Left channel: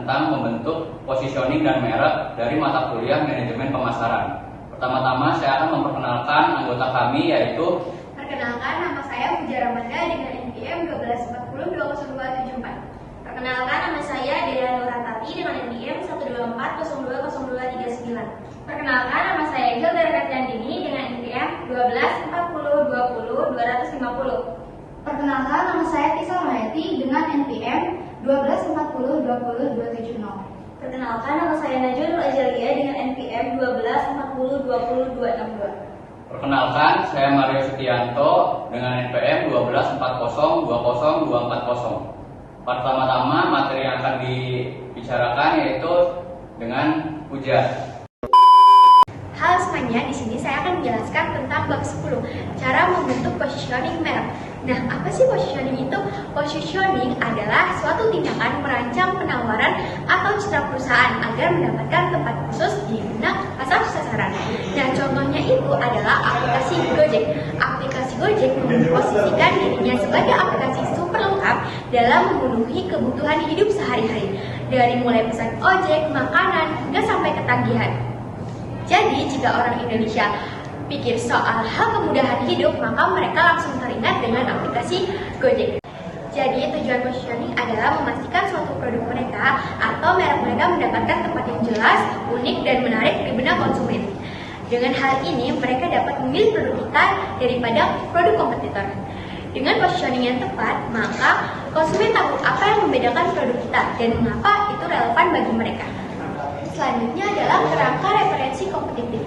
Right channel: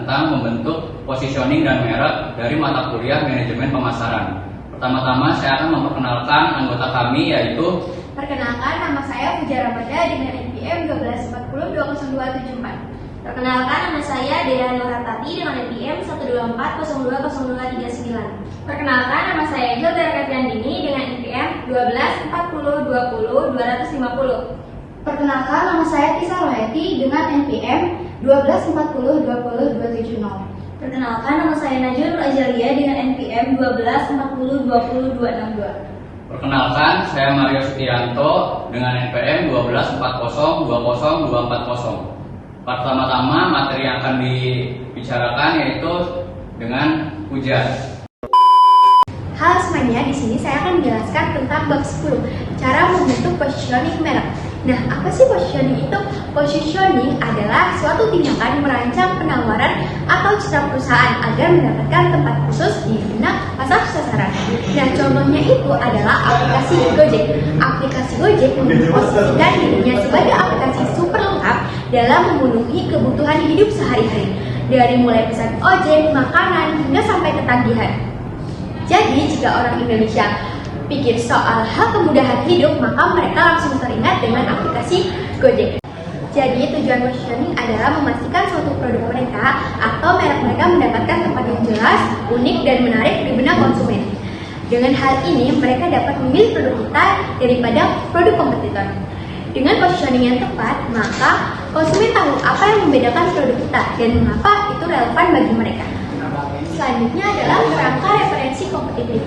tentang membentuk positioning dan merek dari mata kuliah manajemen pemasaran. Pertama-tama saya akan memperkenalkan anggota kami, yaitu perkenalkan, nama saya Puja Ramada dengan NPM 124020274. Perkenalkan, nama saya Dea Nurhatati dengan NPM 124020239. Perkenalkan, nama saya Hilda Rakatiandini dengan NPM 124020250. Perkenalkan, nama saya Tisa Roheti dengan NPM 124020270. Perkenalkan, nama saya Najul Azalia dengan NPM 124020262. Perkenalkan, saya Mario Setianto dengan NPM 124020240. Pertama-tama materi yang akan dibicarakan yaitu dengan Puja. Halo semuanya, di sini saya akan menjelaskan tentang bab 10, cara membentuk positioning merek. Nah, apa sih positioning itu? Positioning adalah suatu tindakan merancang penawaran atau citra perusahaan agar mendapatkan tempat khusus di benak pasar sasaran. Nah, contohnya itu adalah aplikasi Gojek. Aplikasi Gojek memposisikan dirinya sebagai aplikasi super lengkap dalam memenuhi kebutuhan hidup sehari-hari, dari mulai pesan ojek, makanan, hingga sampai ketagihan. Jadi, jika orang Indonesia pikir soal hal kemudahan hidup, maka mereka langsung teringat dengan aplikasi Gojek. Jadi, tujuan positioning adalah memastikan suatu produk mereka atau merek mereka mendapatkan tempat yang jelas, unik, dan menarik di benak konsumen. Dengan hal ini, mereka dapat memilih produk kita daripada produk kompetitor. Dengan positioning yang tepat, maka konsumen tahu apa yang membedakan produk kita dan mengapa itu relevan bagi mereka. Selanjutnya adalah kerangka referensi kompetitif.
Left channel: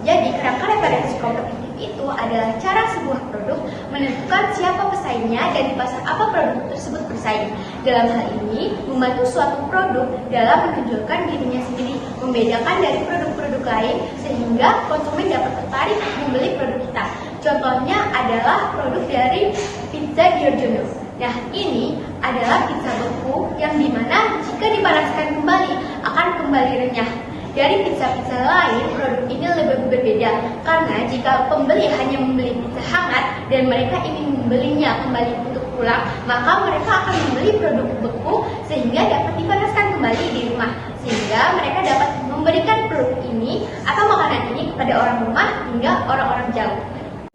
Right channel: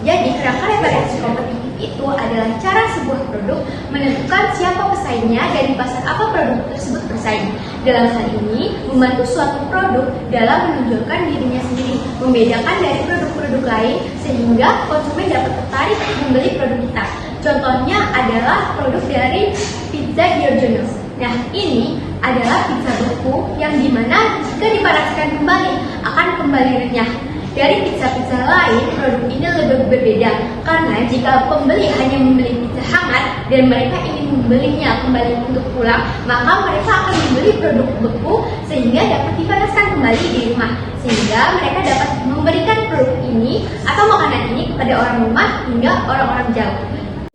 Jadi, kerangka referensi kompetitif itu adalah cara sebuah produk menentukan siapa pesaingnya dan di pasar apa produk tersebut bersaing. Dalam hal ini, membantu suatu produk dalam menonjolkan dirinya sendiri, membedakan dari produk-produk lain sehingga konsumen dapat tertarik membeli produk kita. Contohnya adalah produk dari Pizza Giorgiono. Nah, ini adalah pizza beku yang dimana jika dipanaskan kembali akan kembali renyah. Dari pizza-pizza lain, produk ini lebih berbeda karena jika pembeli hanya membeli pizza hangat dan mereka ingin membelinya kembali untuk pulang, maka mereka akan membeli produk beku sehingga dapat dipanaskan kembali di rumah, sehingga mereka dapat memberikan produk ini atau makanan ini kepada orang rumah hingga orang-orang jauh.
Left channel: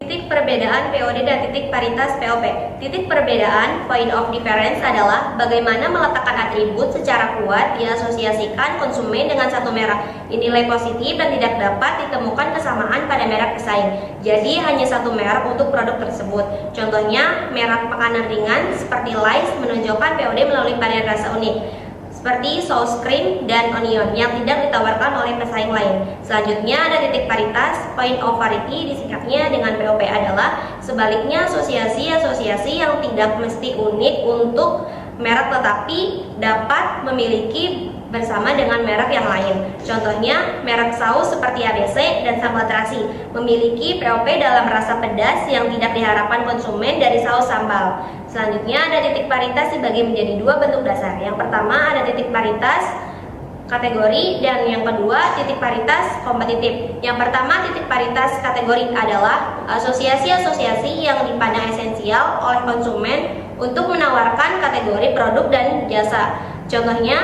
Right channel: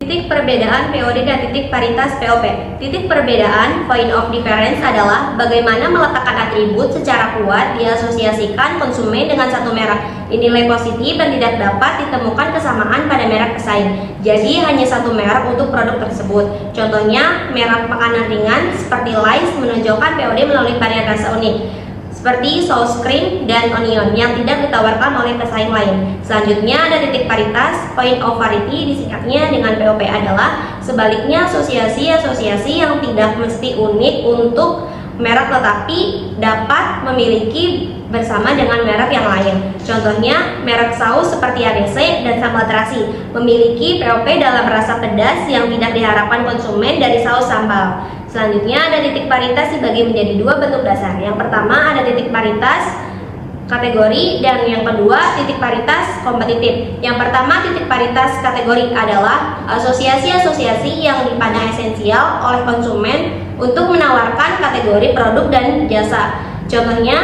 Titik perbedaan POD dan titik paritas POP. Titik perbedaan, point of difference, adalah bagaimana meletakkan atribut secara kuat diasosiasikan konsumen dengan satu merek. Nilai positif dan tidak dapat ditemukan kesamaan pada merek pesaing. Jadi hanya satu merek untuk produk tersebut. Contohnya, merek makanan ringan seperti Lays menonjolkan POD melalui varian rasa unik, seperti saus cream dan onion yang tidak ditawarkan oleh pesaing lain. Selanjutnya ada titik paritas, point of parity, disingkatnya dengan POP, adalah sebaliknya asosiasi-asosiasi yang tidak mesti unik untuk merek tetapi dapat memiliki bersama dengan merek yang lain. Contohnya, merek saus seperti ABC dan sambal terasi memiliki POP dalam rasa pedas yang tidak diharapkan konsumen dari saus sambal. Selanjutnya ada titik paritas dibagi menjadi dua bentuk dasar. Yang pertama ada titik paritas kategori dan yang kedua titik paritas kompetitif. Yang pertama, titik paritas kategori adalah asosiasi-asosiasi yang dipandang esensial oleh konsumen untuk menawarkan kategori produk dan jasa. Contohnya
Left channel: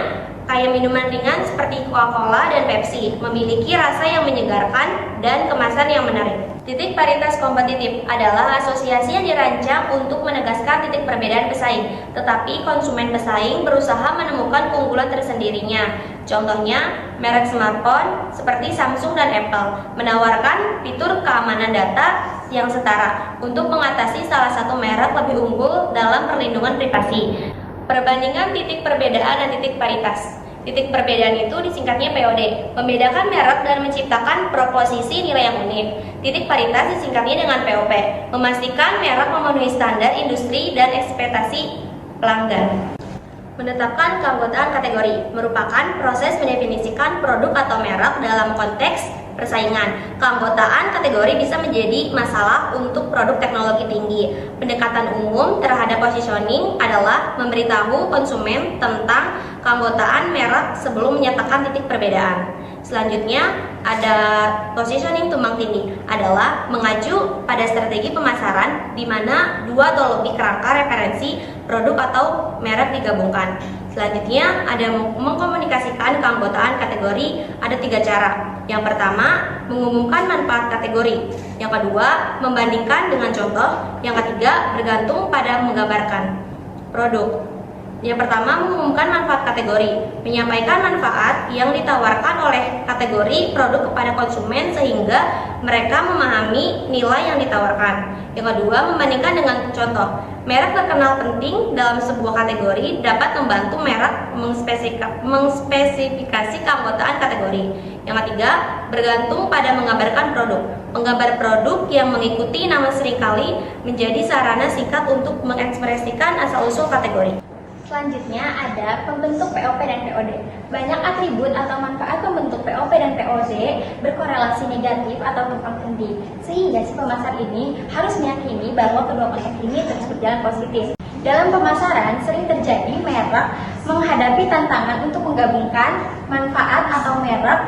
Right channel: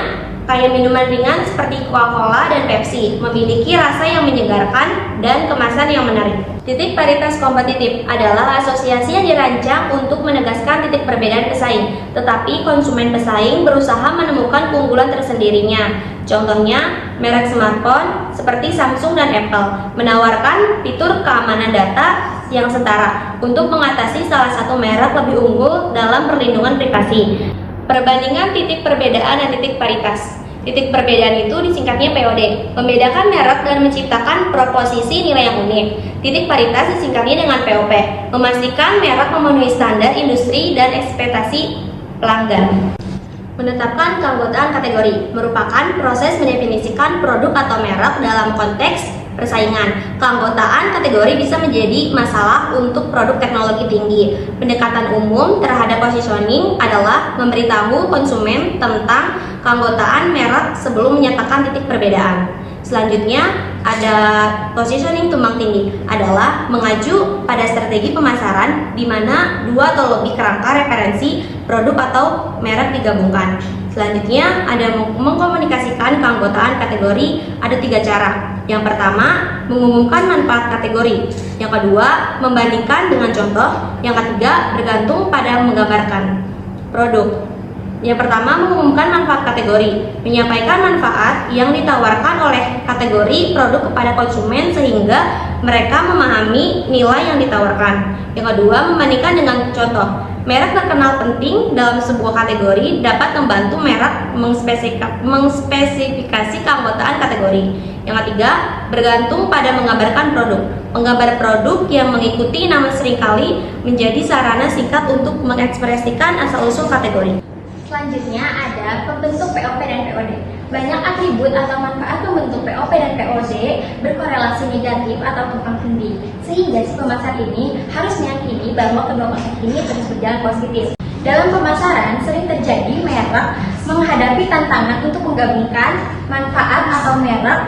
kayak minuman ringan seperti Coca-Cola dan Pepsi memiliki rasa yang menyegarkan dan kemasan yang menarik. Titik paritas kompetitif adalah asosiasi yang dirancang untuk menegaskan titik perbedaan pesaing, tetapi konsumen pesaing berusaha menemukan keunggulan tersendirinya. Contohnya, merek smartphone seperti Samsung dan Apple menawarkan fitur keamanan data yang setara untuk mengatasi salah satu merek lebih unggul dalam perlindungan privasi. Perbandingan titik perbedaan dan titik paritas. Titik perbedaan itu disingkatnya POD, membedakan merek dan menciptakan proposisi nilai yang unik. Titik paritas disingkatnya dengan POP, memastikan merek memenuhi standar industri dan ekspektasi pelanggan. Menetapkan keanggotaan kategori merupakan proses mendefinisikan produk atau merek dalam konteks persaingan. Keanggotaan kategori bisa menjadi masalah untuk produk teknologi tinggi. Pendekatan umum terhadap positioning adalah memberitahu konsumen tentang keanggotaan merek sebelum menyatakan titik perbedaan. Selanjutnya ada positioning tumbang tindih, adalah mengacu pada strategi pemasaran di mana dua atau lebih kerangka referensi produk atau merek digabungkan. Selanjutnya ada mengkomunikasikan keanggotaan kategori, ada 3 cara. Yang pertama, mengumumkan manfaat kategori. Yang kedua, membandingkan dengan contoh. Yang ketiga, bergantung pada menggambarkan produk. Yang pertama, mengumumkan manfaat kategori, menyampaikan manfaat yang ditawarkan oleh kategori produk kepada konsumen sehingga mereka memahami nilai yang ditawarkan. Yang kedua, membandingkan dengan contoh. Merek terkenal penting dalam sebuah kategori dapat membantu merek mengspesifikasi keanggotaan kategori. Yang ketiga, bergantung pada menggambarkan produk. Penggambar produk yang mengikuti nama seringkali menjadi sarana singkat untuk mengekspresikan asal-usul kategori. Selanjutnya ada pembentuk POP dan POD. Banyak atribut atau manfaat pembentuk POP dan POD berkorelasi negatif atau tumpang tindih, sehingga si pemasar ini harus meyakini bahwa kedua konsep ini terus berjalan positif. Dalam pemasaran sering terjadi merek menghadapi tantangan untuk menggabungkan manfaat atau merek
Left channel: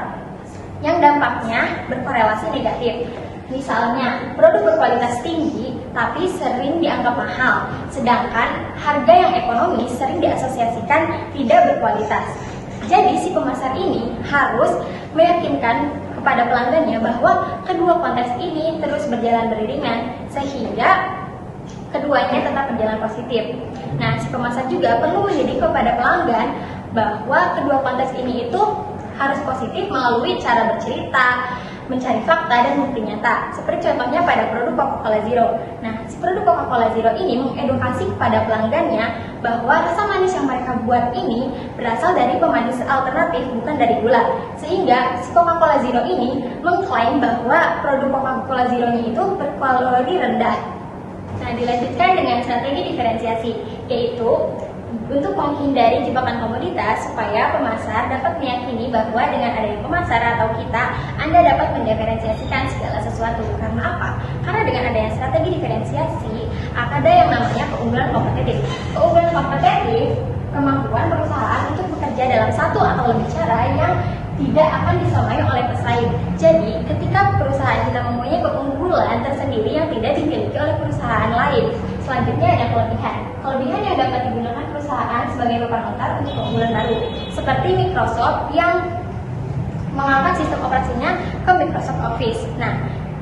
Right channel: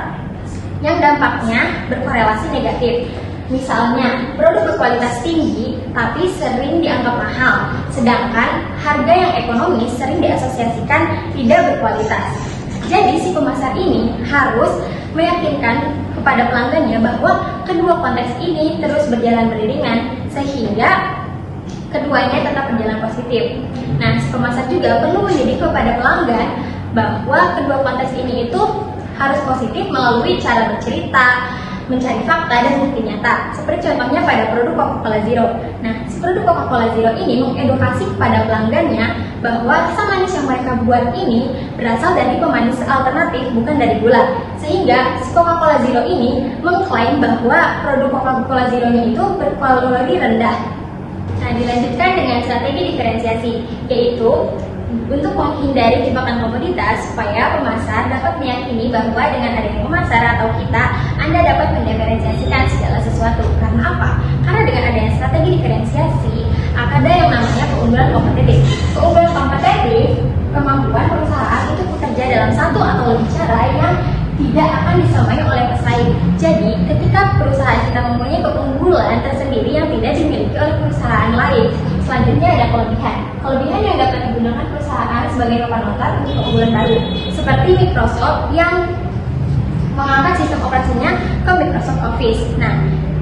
yang dampaknya berkorelasi negatif. Misalnya, produk berkualitas tinggi tapi sering dianggap mahal, sedangkan harga yang ekonomis sering diasosiasikan tidak berkualitas. Jadi si pemasar ini harus meyakinkan kepada pelanggannya bahwa kedua konteks ini terus berjalan beriringan sehingga keduanya tetap berjalan positif. Nah, si pemasar juga perlu mendidik kepada pelanggan bahwa kedua konteks ini itu harus positif melalui cara bercerita, mencari fakta dan bukti nyata. Seperti contohnya pada produk Coca-Cola Zero. Nah, produk Coca-Cola Zero ini mengedukasi kepada pelanggannya bahwa rasa manis yang mereka buat ini berasal dari pemanis alternatif, bukan dari gula. Sehingga Coca-Cola Zero ini mengklaim bahwa produk Coca-Cola Zero itu berkalori rendah. Nah, dilanjutkan dengan strategi diferensiasi, yaitu untuk menghindari jebakan komoditas supaya pemasar dapat meyakini bahwa dengan adanya pemasar atau kita, Anda dapat mendiferensiasikan segala sesuatu. Karena apa? Karena dengan adanya strategi diferensiasi, ada yang namanya keunggulan kompetitif. Keunggulan kompetitif, kemampuan perusahaan untuk bekerja dalam satu atau lebih cara yang tidak akan disamai oleh pesaing. Jadi, ketika perusahaan kita mempunyai keunggulan tersendiri yang tidak dimiliki oleh perusahaan lain. Selanjutnya ada kelebihan. Kelebihan yang dapat digunakan perusahaan sebagai papan notar untuk keunggulan baru, seperti Microsoft yang mengangkat sistem operasinya ke Microsoft Office. Nah,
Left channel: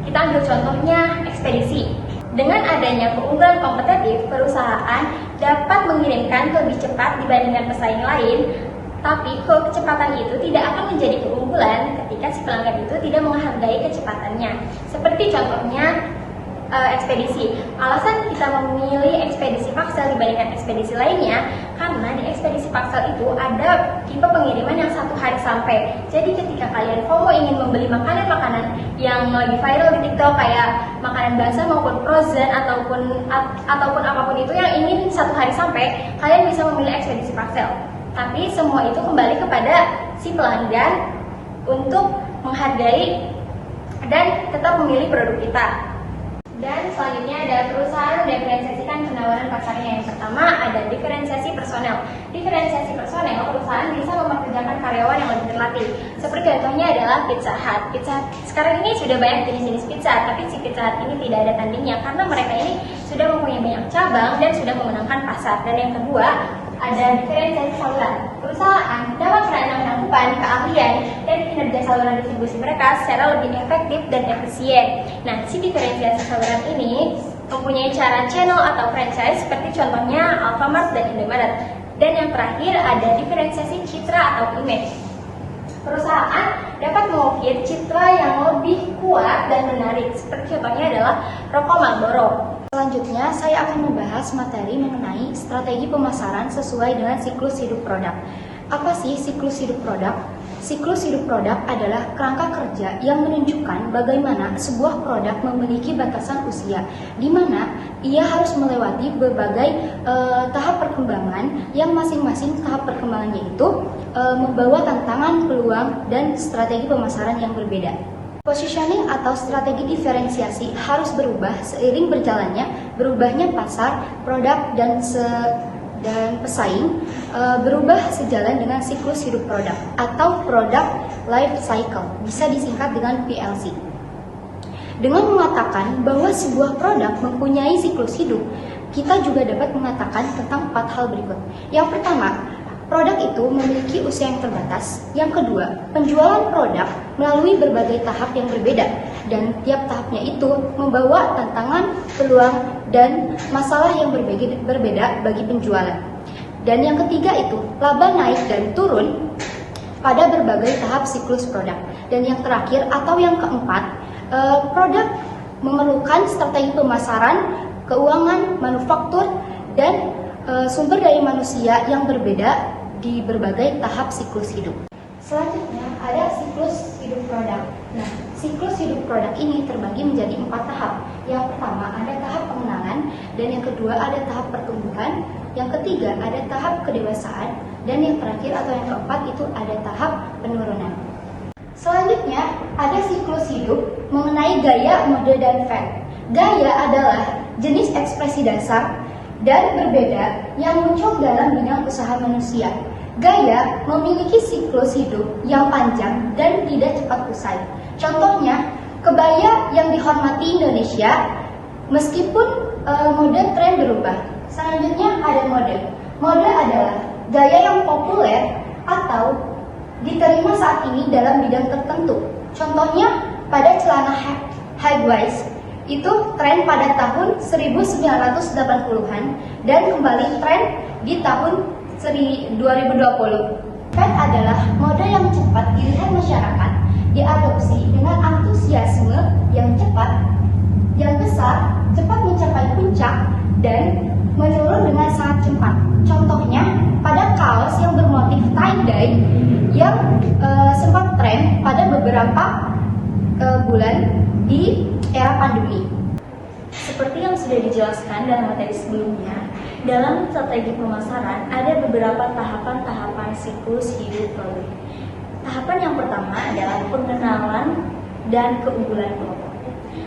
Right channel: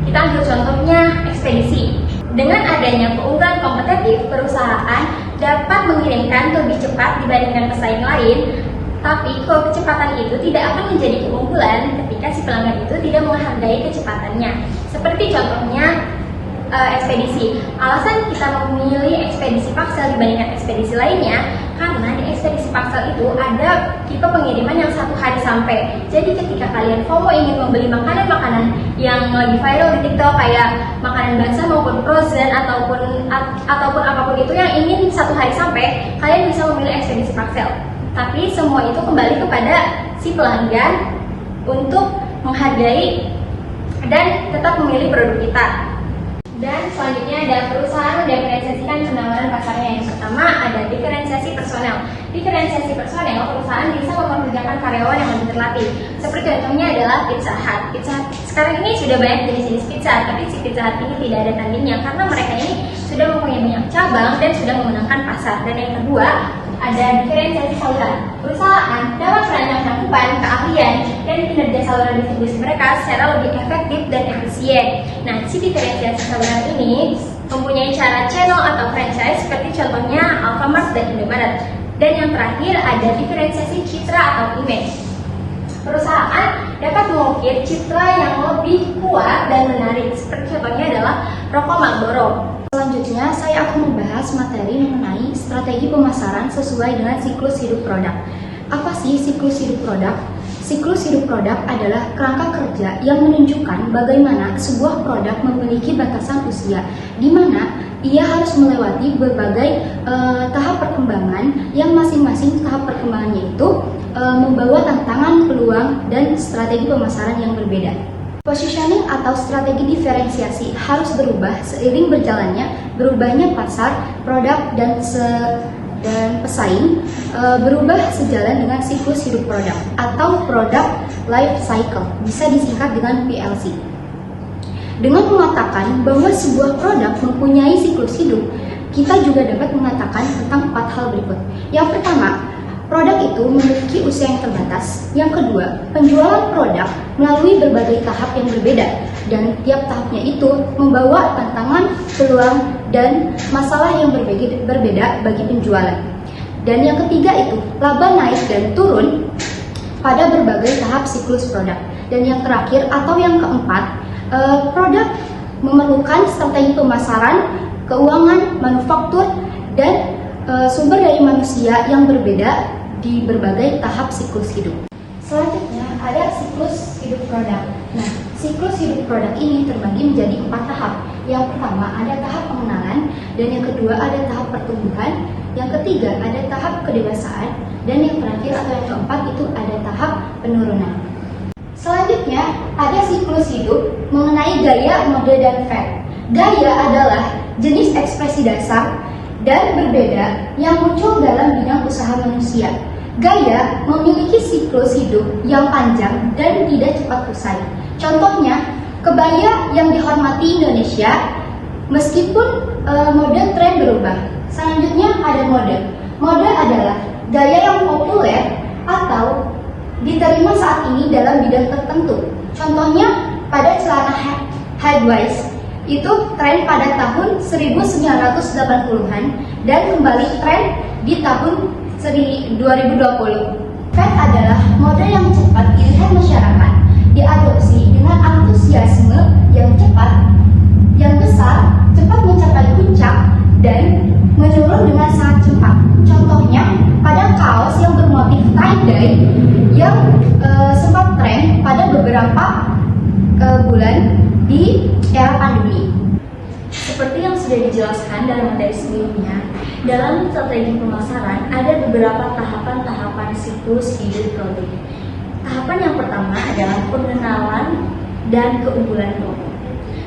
kita ambil contohnya ekspedisi. Dengan adanya keunggulan kompetitif, perusahaan dapat mengirimkan lebih cepat dibandingkan pesaing lain. Tapi kecepatan itu tidak akan menjadi keunggulan ketika si pelanggan itu tidak menghargai kecepatannya. Seperti contohnya ekspedisi. Alasan kita memilih ekspedisi paksal dibandingkan ekspedisi lainnya karena di ekspedisi paksal itu ada tipe pengiriman yang 1 hari sampai. Jadi ketika kalian FOMO ingin membeli makanan-makanan yang lagi viral di TikTok kayak makanan basah maupun frozen ataupun apapun itu yang ingin 1 hari sampai, kalian bisa memilih ekspedisi paksal. Tapi semua itu kembali kepada si pelanggan untuk menghargai dan tetap memilih produk kita. Dan selanjutnya ada perusahaan mendiferensiasikan penawaran pasarnya. Yang pertama ada diferensiasi personel. Diferensiasi personel, perusahaan bisa mempekerjakan karyawan yang lebih terlatih. Seperti contohnya adalah Pizza Hut. Pizza Hut sekarang ini sudah banyak jenis-jenis pizza, tapi si Pizza Hut ini tidak ada tandingnya karena mereka ini sudah mempunyai banyak cabang dan sudah memenangkan pasar. Dan yang kedua ada diferensiasi saluran. Perusahaan dapat merancang cakupan, keahlian, dan kinerja saluran distribusi mereka secara lebih efektif dan efisien. Nah, si diferensiasi saluran ini mempunyai cara channel atau franchise seperti contohnya Alfamart dan Indomaret. Dan yang terakhir ada diferensiasi citra atau image. Perusahaan dapat mengukir citra yang lebih kuat dan menarik. Seperti contohnya adalah rokok Marlboro. Selanjutnya, saya akan membahas materi mengenai strategi pemasaran sesuai dengan siklus hidup produk. Apa sih siklus hidup produk? Siklus hidup produk adalah kerangka kerja yang menunjukkan bagaimana sebuah produk memiliki batasan usia, di mana ia harus melewati berbagai tahap perkembangan yang masing-masing tahap perkembangannya itu membawa tantangan, peluang, dan strategi pemasaran yang berbeda. Positioning atau strategi diferensiasi harus berubah seiring berubahnya pasar, produk, dan pesaing, berubah sejalan dengan siklus hidup produk atau product life cycle, bisa disingkat dengan PLC. Dengan mengatakan bahwa sebuah produk mempunyai siklus hidup, kita juga dapat mengatakan tentang 4 hal berikut. Yang pertama, Produk itu memiliki usia yang terbatas. Yang kedua, penjualan produk melalui berbagai tahap yang berbeda, dan tiap tahapnya itu membawa tantangan, peluang, dan masalah yang berbeda bagi penjualan. Dan yang ketiga itu, laba naik dan turun pada berbagai tahap siklus produk. Dan yang terakhir atau yang keempat, produk memerlukan strategi pemasaran, keuangan, manufaktur, dan sumber daya manusia yang berbeda di berbagai tahap siklus hidup. Selanjutnya ada siklus hidup produk. Nah, siklus hidup produk ini terbagi menjadi 4 tahap. Yang pertama ada tahap pengenalan, dan yang kedua ada tahap pertumbuhan, yang ketiga ada tahap kedewasaan, dan yang terakhir atau yang keempat itu ada tahap penurunan. Selanjutnya ada siklus hidup mengenai gaya, mode, dan tren. Gaya adalah jenis ekspresi dasar dan berbeda yang muncul dalam bidang usaha manusia. Gaya memiliki siklus hidup yang panjang dan tidak cepat usai. Contohnya, kebaya yang dihormati Indonesia meskipun mode tren berubah. Selanjutnya ada mode. Mode adalah gaya yang populer atau diterima saat ini dalam bidang tertentu. Contohnya, pada celana high waist itu tren pada tahun 1980-an dan kembali tren di tahun 2020. Tren adalah mode yang cepat dilihat masyarakat, diadopsi dengan antusiasme yang cepat, yang besar, cepat mencapai puncak, dan menurun dengan sangat cepat. Contohnya, pada kaos yang bermotif tie-dye yang sempat tren pada beberapa bulan di era pandemi. Seperti yang sudah dijelaskan dalam materi sebelumnya, dalam strategi pemasaran ada beberapa tahapan-tahapan siklus hidup produk. Tahapan yang pertama adalah pengenalan dan keunggulan produk.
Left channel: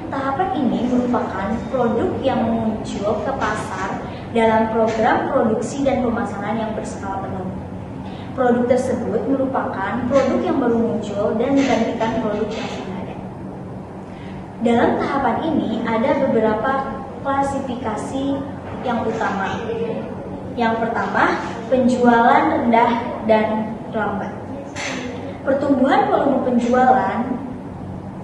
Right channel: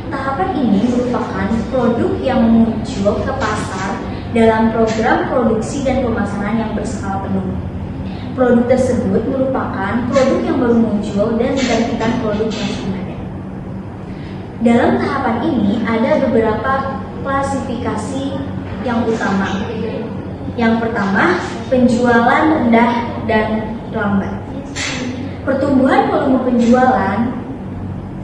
Tahapan ini merupakan produk yang muncul ke pasar dalam program produksi dan pemasaran yang berskala penuh. Produk tersebut merupakan produk yang baru muncul dan menggantikan produk yang sudah ada. Dalam tahapan ini ada beberapa klasifikasi yang utama. Yang pertama, penjualan rendah dan lambat. Pertumbuhan volume penjualan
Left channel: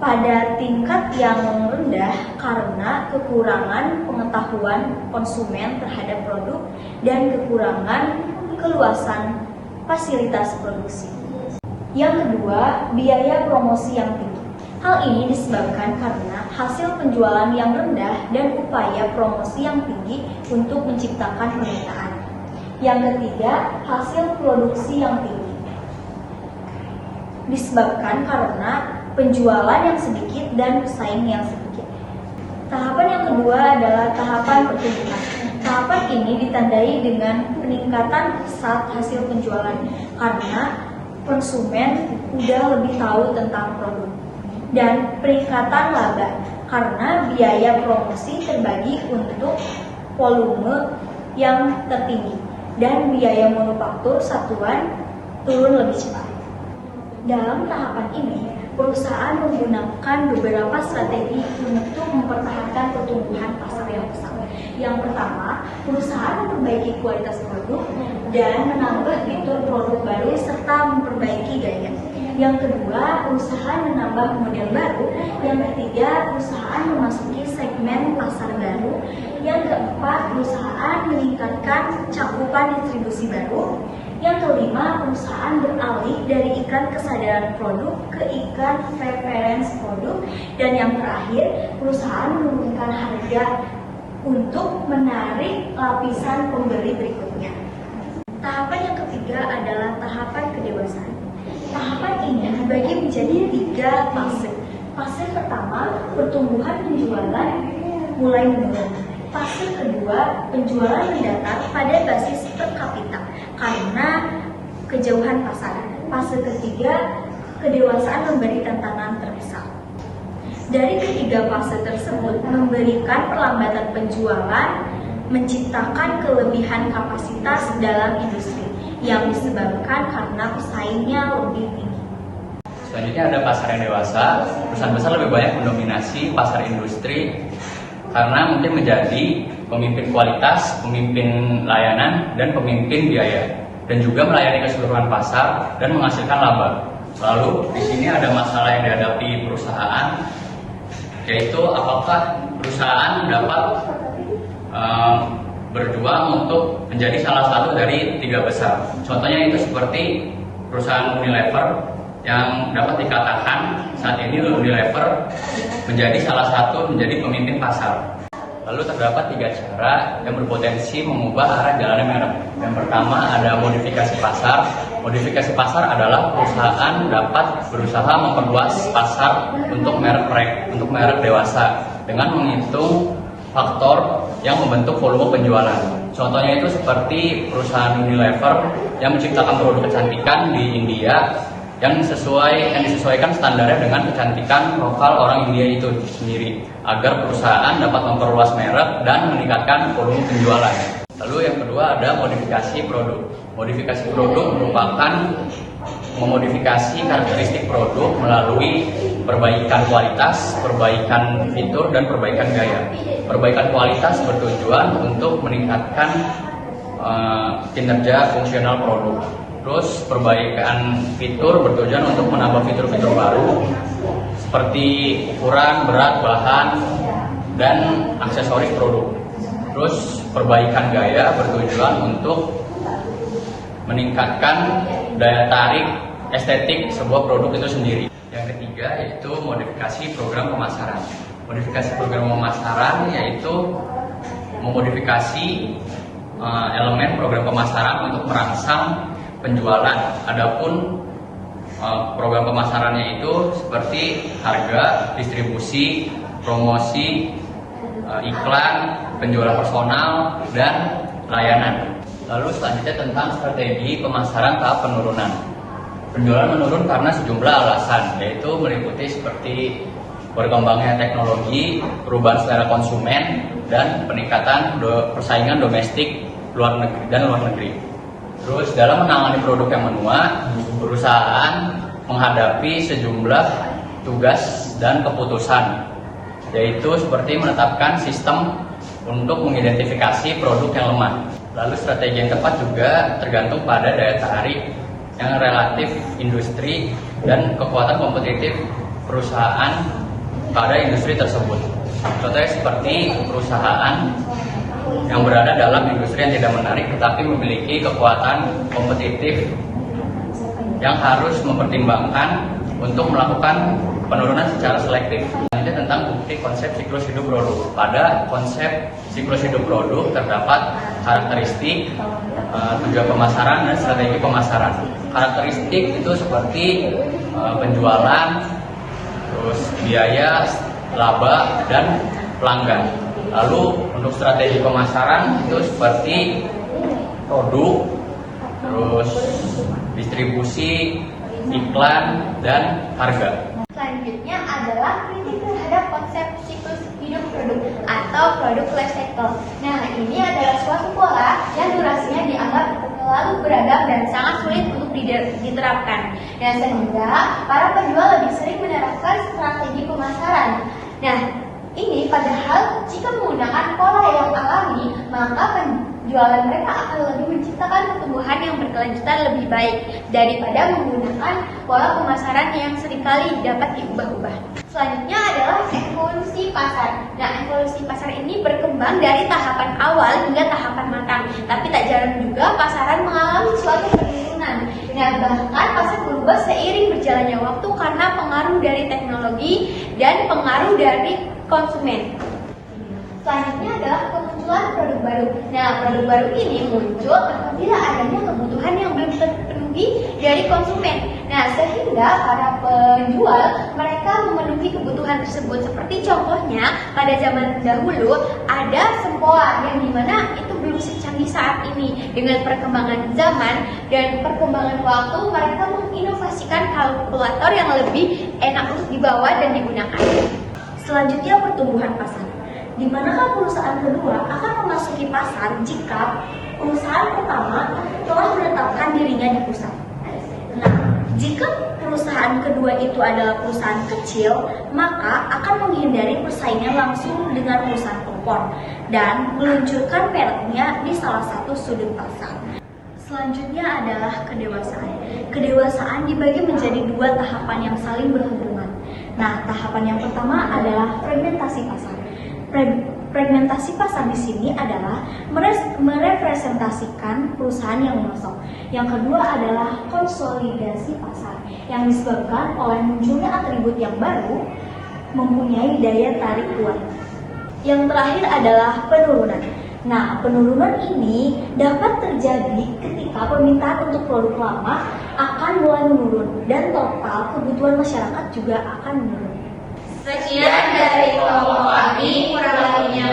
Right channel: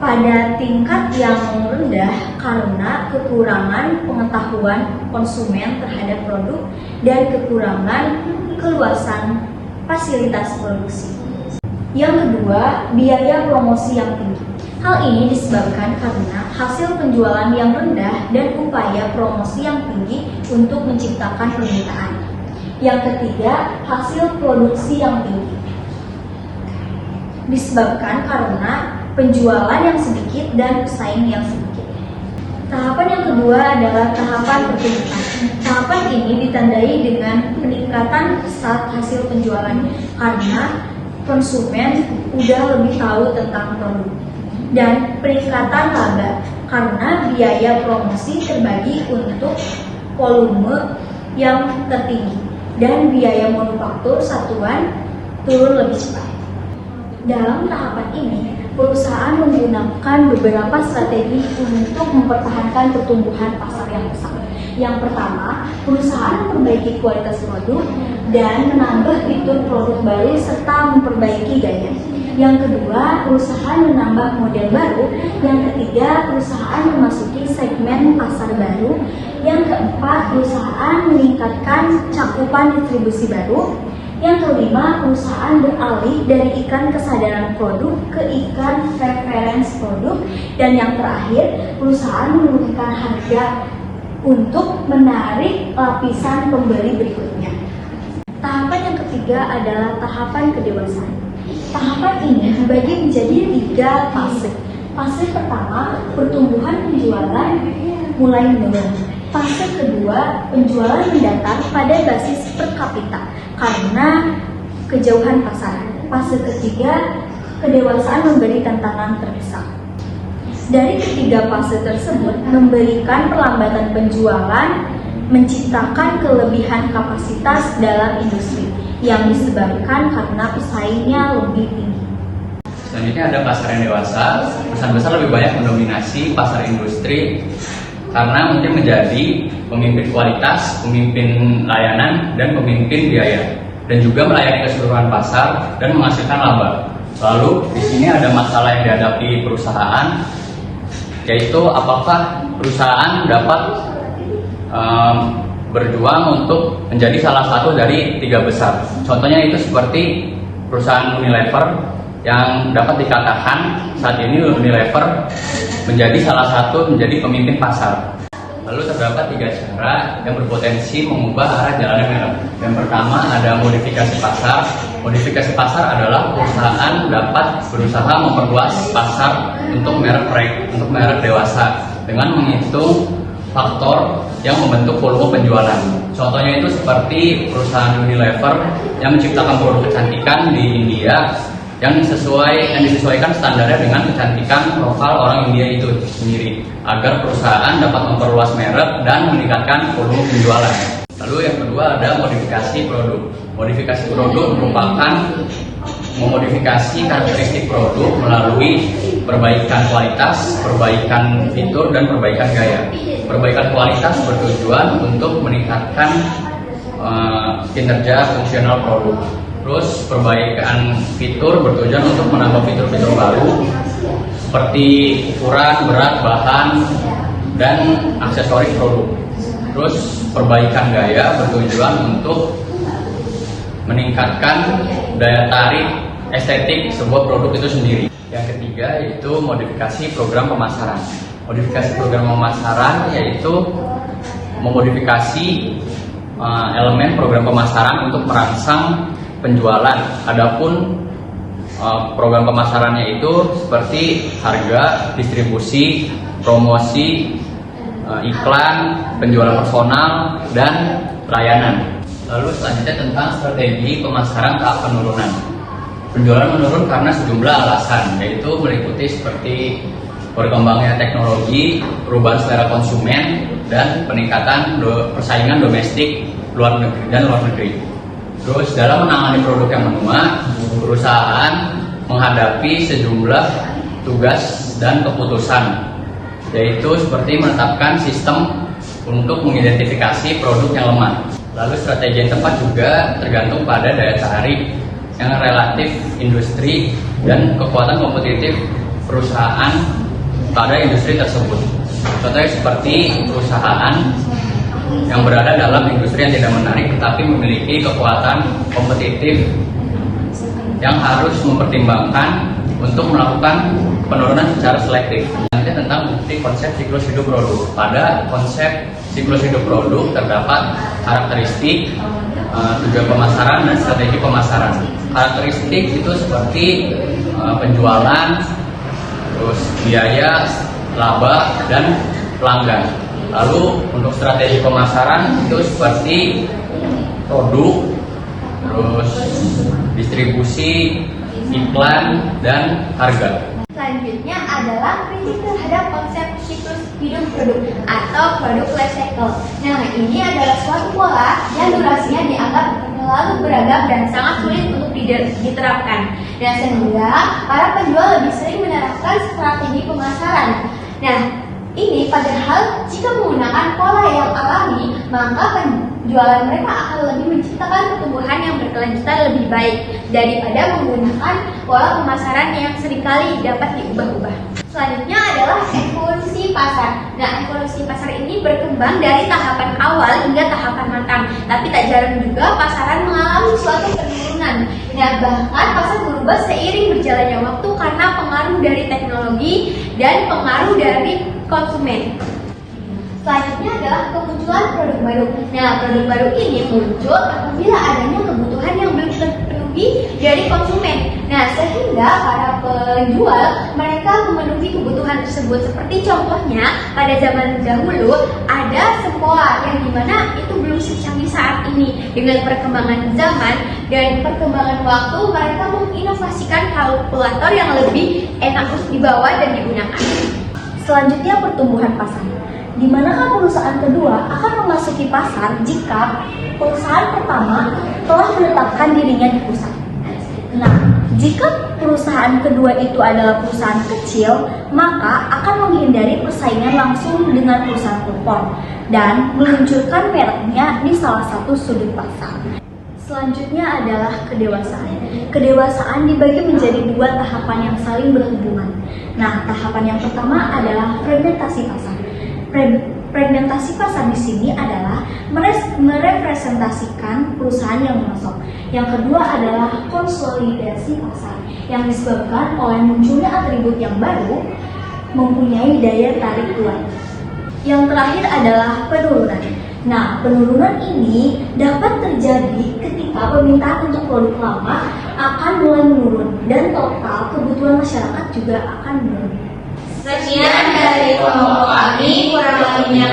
pada tingkat yang rendah karena kekurangan pengetahuan konsumen terhadap produk dan kekurangan keluasan fasilitas produksi. Yang kedua, biaya promosi yang tinggi. Hal ini disebabkan karena hasil penjualan yang rendah dan upaya promosi yang tinggi untuk menciptakan permintaan. Yang ketiga, hasil produksi yang tinggi. Disebabkan karena penjualan yang sedikit dan pesaing yang sedikit. Tahapan yang kedua adalah tahapan pertumbuhan. Tahapan ini ditandai dengan peningkatan pesat hasil penjualan karena konsumen sudah lebih tahu tentang produk, dan peningkatan laba karena biaya promosi terbagi untuk volume yang tertinggi dan biaya manufaktur satuan turun lebih cepat. Dalam tahapan ini, perusahaan menggunakan beberapa strategi untuk mempertahankan pertumbuhan pasar yang besar. Yang pertama, perusahaan memperbaiki kualitas produk dan menambah fitur produk baru serta memperbaiki gaya. Yang kedua, perusahaan menambah model baru. Yang ketiga, perusahaan memasuki segmen pasar baru. Yang keempat, perusahaan meningkatkan cakupan distribusi baru. Yang kelima, perusahaan beralih dari ikan kesadaran produk ke ikan preference produk. Dan yang terakhir, perusahaan menurunkan harga untuk menarik lapisan pembeli berikutnya. Tahapan yang ketiga adalah tahapan kedewasaan. Tahapan ini dibagi menjadi 3 fase. Fase pertama, pertumbuhan penjualan mulai menurun. Fase kedua, penjualan mendatar pada basis per kapita karena kejauhan pasar. Fase ketiga, kedewasaan memberi tantangan terbesar. Dari ketiga fase tersebut memberikan perlambatan penjualan, menciptakan kelebihan kapasitas dalam industri yang disebabkan karena pesaingnya lebih tinggi. Selanjutnya ada pasar yang dewasa. Perusahaan besar lebih banyak mendominasi pasar industri karena mungkin menjadi pemimpin kualitas, pemimpin layanan, dan pemimpin biaya. dan juga melayani keseluruhan pasar dan menghasilkan laba. Lalu di sini ada masalah yang dihadapi perusahaan, yaitu apakah perusahaan dapat berjuang untuk menjadi salah satu dari 3 besar. Contohnya itu seperti perusahaan Unilever yang dapat dikatakan saat ini Unilever menjadi menjadi pemimpin pasar. Lalu terdapat 3 cara yang berpotensi mengubah arah jalannya merek. Yang pertama ada modifikasi pasar. Modifikasi pasar adalah perusahaan dapat berusaha memperluas pasar untuk merek dewasa dengan menghitung faktor yang membentuk volume penjualan. Contohnya itu seperti perusahaan Unilever yang menciptakan produk kecantikan di India yang disesuaikan standarnya dengan kecantikan lokal orang India itu sendiri agar perusahaan dapat memperluas merek dan meningkatkan volume penjualan. Lalu yang kedua ada modifikasi produk. Modifikasi produk merupakan memodifikasi karakteristik produk melalui perbaikan kualitas, perbaikan fitur, dan perbaikan gaya. Perbaikan kualitas bertujuan untuk meningkatkan kinerja fungsional produk. Terus perbaikan fitur bertujuan untuk menambah fitur-fitur baru seperti ukuran, berat, bahan, dan aksesoris produk. Terus perbaikan gaya bertujuan untuk meningkatkan daya tarik estetik sebuah produk itu sendiri. Yang ketiga yaitu modifikasi program pemasaran. Modifikasi program pemasaran yaitu memodifikasi elemen program pemasaran untuk merangsang penjualan. Adapun program pemasarannya itu seperti harga, distribusi, promosi, iklan, penjualan personal, dan layanan. Lalu selanjutnya tentang strategi pemasaran tahap penurunan. Penjualan menurun karena sejumlah alasan, yaitu meliputi seperti berkembangnya teknologi, perubahan selera konsumen, dan peningkatan persaingan domestik dan luar negeri. Terus dalam menangani produk yang menua, perusahaan menghadapi sejumlah tugas dan keputusan, yaitu seperti menetapkan sistem untuk mengidentifikasi produk yang lemah. Lalu strategi yang tepat juga tergantung pada daya tarik yang relatif industri dan kekuatan kompetitif perusahaan pada industri tersebut. Contohnya seperti perusahaan yang berada dalam industri yang tidak menarik tetapi memiliki kekuatan kompetitif yang harus mempertimbangkan untuk melakukan penurunan secara selektif. Selanjutnya tentang bukti konsep siklus hidup produk. Pada konsep siklus hidup produk terdapat karakteristik, tujuan pemasaran, dan strategi pemasaran. Karakteristik itu seperti penjualan, terus biaya, laba, dan pelanggan. Lalu untuk strategi pemasaran itu seperti produk, terus distribusi, iklan, dan harga. Selanjutnya adalah prinsip terhadap konsep siklus hidup produk atau produk life cycle. Nah, ini adalah suatu pola yang durasinya dianggap terlalu beragam dan sangat sulit untuk diterapkan. Dan sehingga para penjual lebih sering menerapkan strategi pemasaran. Nah, ini padahal jika menggunakan pola yang alami, maka penjualan mereka akan lebih menciptakan pertumbuhan yang berkelanjutan lebih baik daripada menggunakan pola pemasaran yang seringkali dapat diubah-ubah. Selanjutnya adalah evolusi pasar. Nah, evolusi pasar ini berkembang dari tahapan awal hingga tahapan matang, tapi tak jarang juga pasaran mengalami suatu penurunan. Nah, bahkan pasar berubah seiring berjalannya waktu karena pengaruh dari teknologi dan pengaruh dari konsumen. Selanjutnya adalah kemunculan produk baru. Nah, produk baru ini muncul apabila adanya kebutuhan yang belum terpenuhi dari konsumen. Nah, sehingga para penjual mereka memenuhi kebutuhan tersebut. Seperti contohnya pada zaman dahulu ada sempoa yang dimana itu belum secanggih saat ini. Dengan perkembangan zaman dan perkembangan waktu, mereka menginovasikan kalkulator yang lebih enak untuk dibawa dan digunakan. Selanjutnya pertumbuhan pasar. Di manakah perusahaan kedua akan memasuki pasar jika perusahaan pertama telah menetapkan dirinya di pusat. Nah, jika perusahaan kedua itu adalah perusahaan kecil, maka akan menghindari persaingan langsung dengan perusahaan kupon dan meluncurkan mereknya di salah satu sudut pasar. Selanjutnya adalah kedewasaan. Kedewasaan dibagi menjadi dua tahapan yang saling berhubungan. Nah, tahapan yang pertama adalah fragmentasi pasar. Fragmentasi pasar di sini adalah merepresentasikan perusahaan yang memasok. Yang kedua adalah konsolidasi pasar, yang disebabkan oleh munculnya atribut yang baru mempunyai daya tarik kuat. Yang terakhir adalah penurunan. Nah, penurunan ini dapat terjadi ketika permintaan untuk produk lama akan mulai menurun dan total kebutuhan masyarakat juga akan menurun. Sekian dari kelompok kami, kurang lebihnya